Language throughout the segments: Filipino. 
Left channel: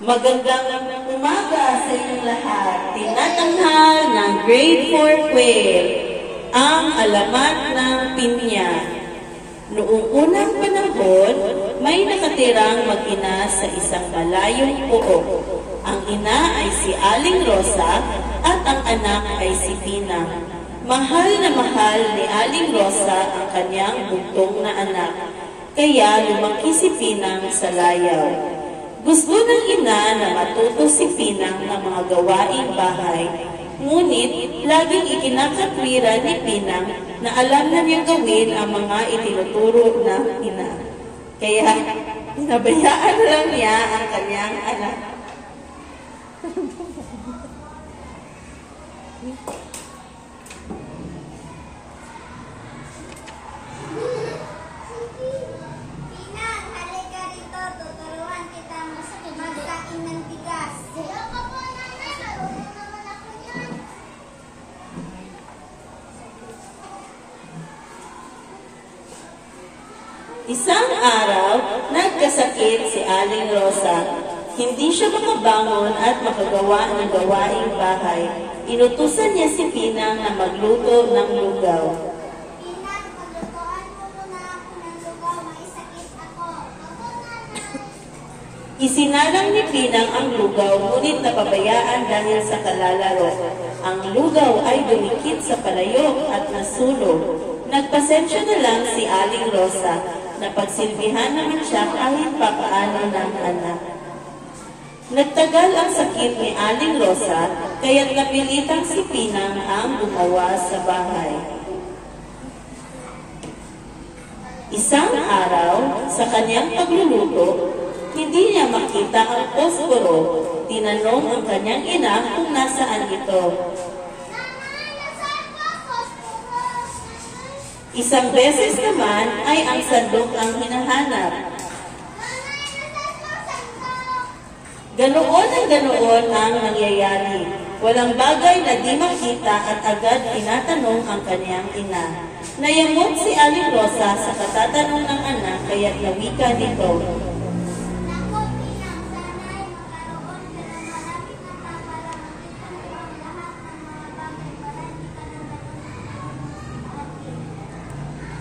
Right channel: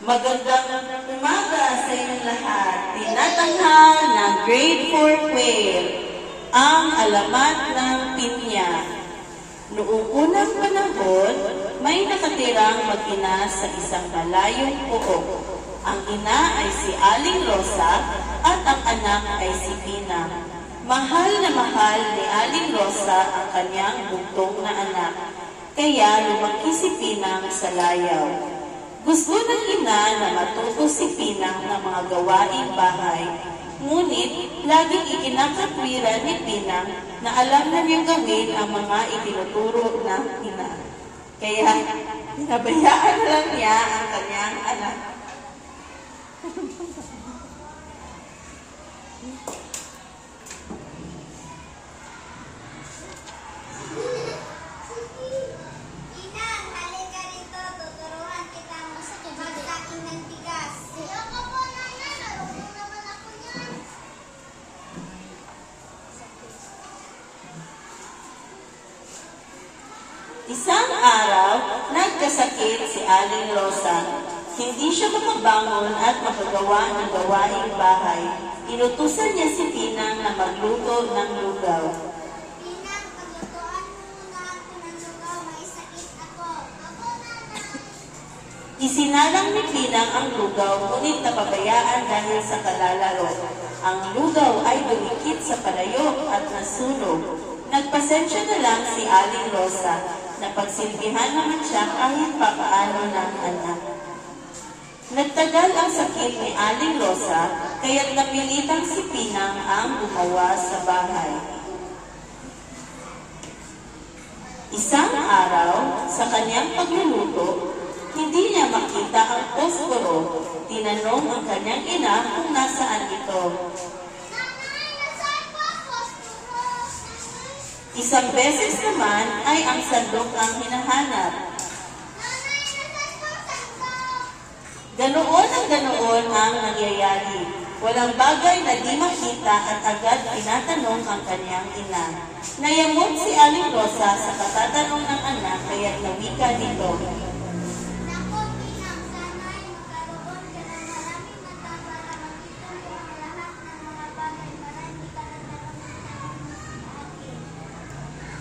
Magandang umaga sa inyong lahat. Tinatanghal ng Grade 4 Quail, ang alamat ng pinya. Noong unang panahon, may nakatirang mag-ina sa isang malayong pook. Ang ina ay si Aling Rosa at ang anak ay si Pinang. Mahal na mahal ni Aling Rosa ang kanyang bugtong na anak, kaya lumaki si Pinang sa layaw. Gusto ng ina na matuto si Pinang ng mga gawaing bahay, ngunit laging ikinakatwiran ni Pinang na alam na niyang gawin ang mga itinuturo ng ina. Kaya nabayaan na lang niya ang kanyang anak. Isang araw, nagkasakit si Aling Rosa. Hindi siya makabangon at makagawa ng gawaing bahay. Inutusan niya si Pinang na magluto ng lugaw. Pinang, maglutoan mo muna ako ng lugaw. May sakit ako. Isinalang ni Pinang ang lugaw, ngunit napabayaan dahil sa kalalaro. Ang lugaw ay dumikit sa palayok at nasunog. Nagpasensya na lang si Aling Rosa. Napagsilbihan naman siya kahit papaano ng anak. Nagtagal ang sakit ni Aling Rosa, kaya't napilitang si Pinang ang gumawa sa bahay. Isang araw, sa kanyang pagluluto, hindi niya makita ang posporo. Tinanong ang kanyang ina kung nasaan ito. Isang beses naman ay ang sandok ang hinahanap. Ganoon ang nangyayari. Walang bagay na di makita at agad tinatanong ang kanyang ina. Nayamot si Aling Rosa sa katatanong ng anak kaya't nawika nito.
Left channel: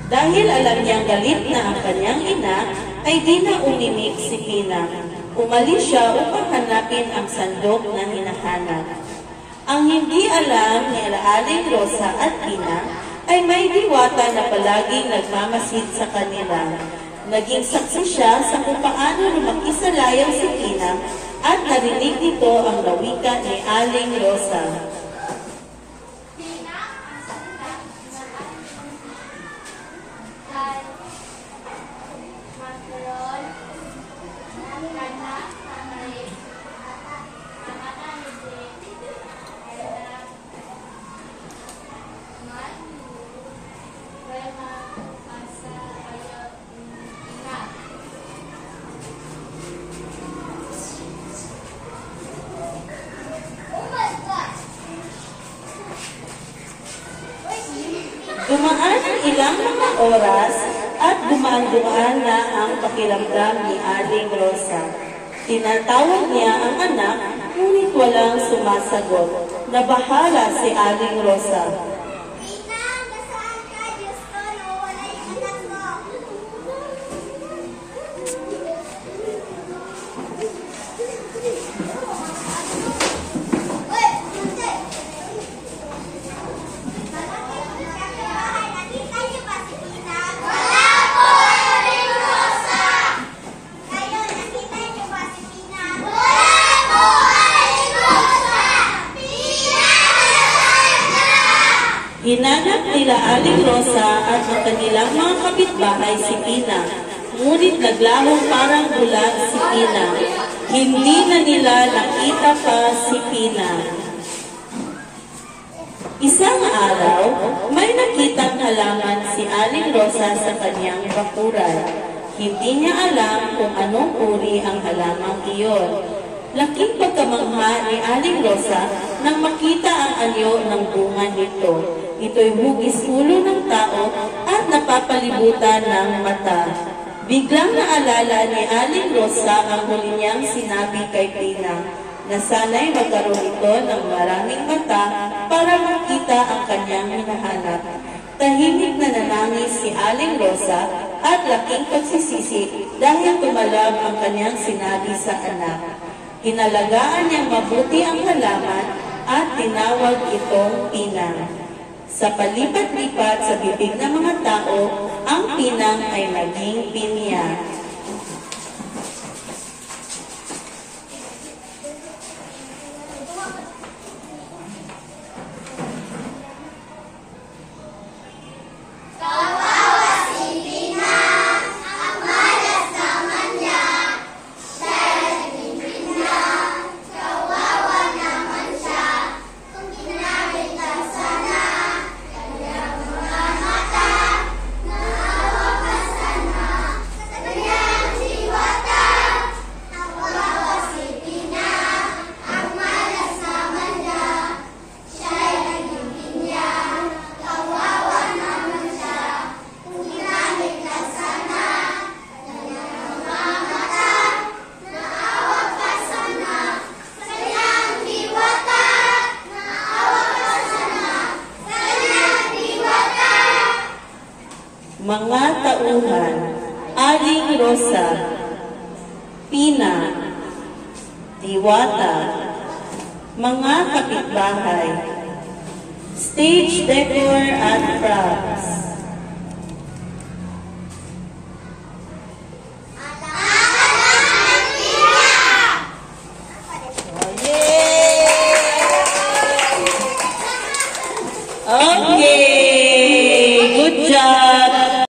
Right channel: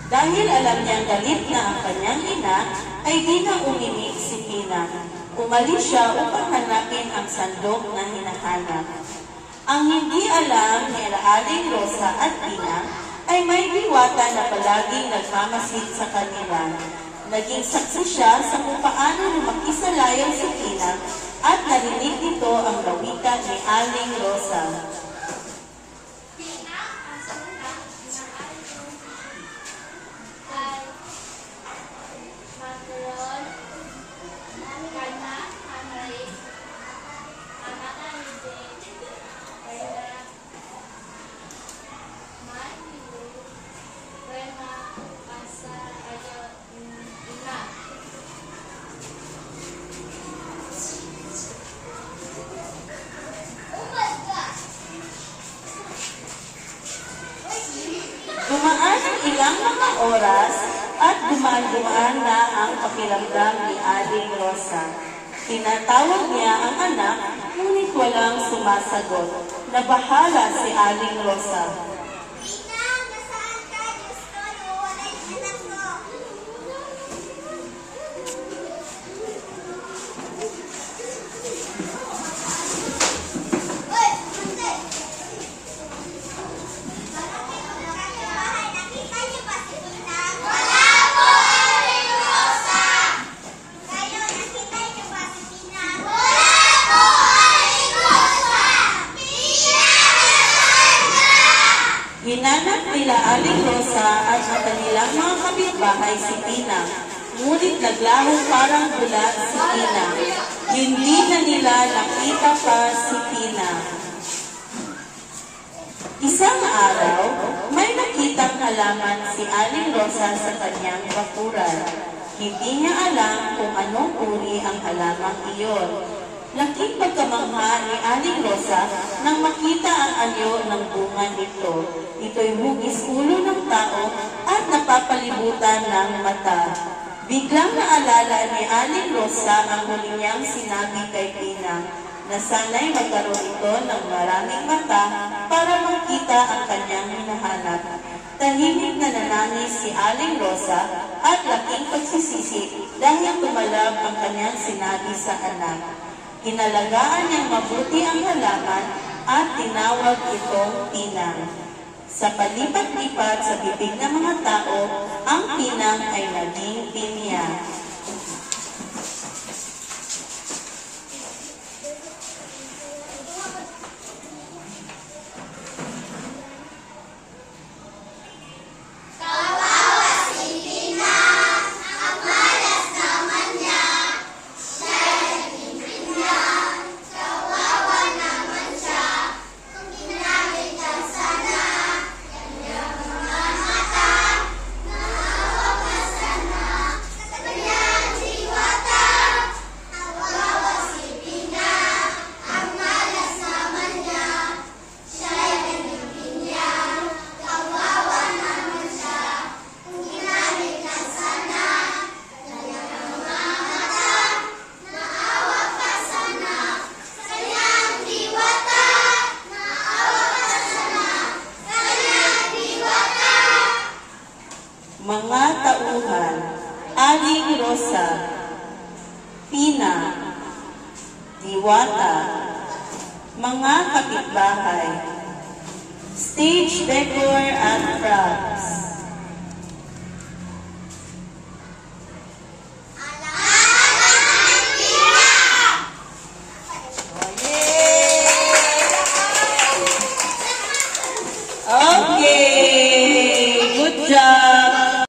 Dahil alam niyang galit na ang kanyang ina, ay di na umimik si Pinang. Umalis siya upang hanapin ang sandok na hinahanap. Ang hindi alam ni Aling Rosa at Pinang ay may diwata na palaging nagmamasid sa kanila. Naging saksi siya sa kung paano lumaki sa layaw si Pinang at narinig nito ang lawika ni Aling Rosa. Dumaan ang ilang mga oras at gumaan na ang pakiramdam ni Aling Rosa. Tinatawag niya ang anak, ngunit walang sumasagot. Nabahala si Aling Rosa. Pinang, nasaan ka? Diyos ko, nawawala yung anak ko. Hinanap nila Aling Rosa at ang kanilang mga kapitbahay si Pinang, ngunit naglaho parang bulag si Pinang. Hindi na nila nakita pa si Pinang. Isang araw, may nakitang halaman si Aling Rosa sa kanyang bakuran. Hindi niya alam kung anong uri ang halamang iyon. Laking pagkamangha ni Aling Rosa nang makita ang anyo ng bunga nito. Ito'y hugis ulo ng tao at napapalibutan ng mata. Biglang naalala ni Aling Rosa ang huli niyang sinabi kay Pinang na sana'y magkaroon ito ng maraming mata para makita ang kanyang hinahanap. Tahimik na nanangis si Aling Rosa at laking pagsisisi dahil tumalab ang kanyang sinabi sa anak. Inalagaan niyang mabuti ang halaman at tinawag itong Pinang. Sa palipat-lipat sa bibig ng mga tao, ang pinang ay naging pinya. Mga tauhan, Aling Rosa, Pina, Diwata, mga kapitbahay, stage decor at props,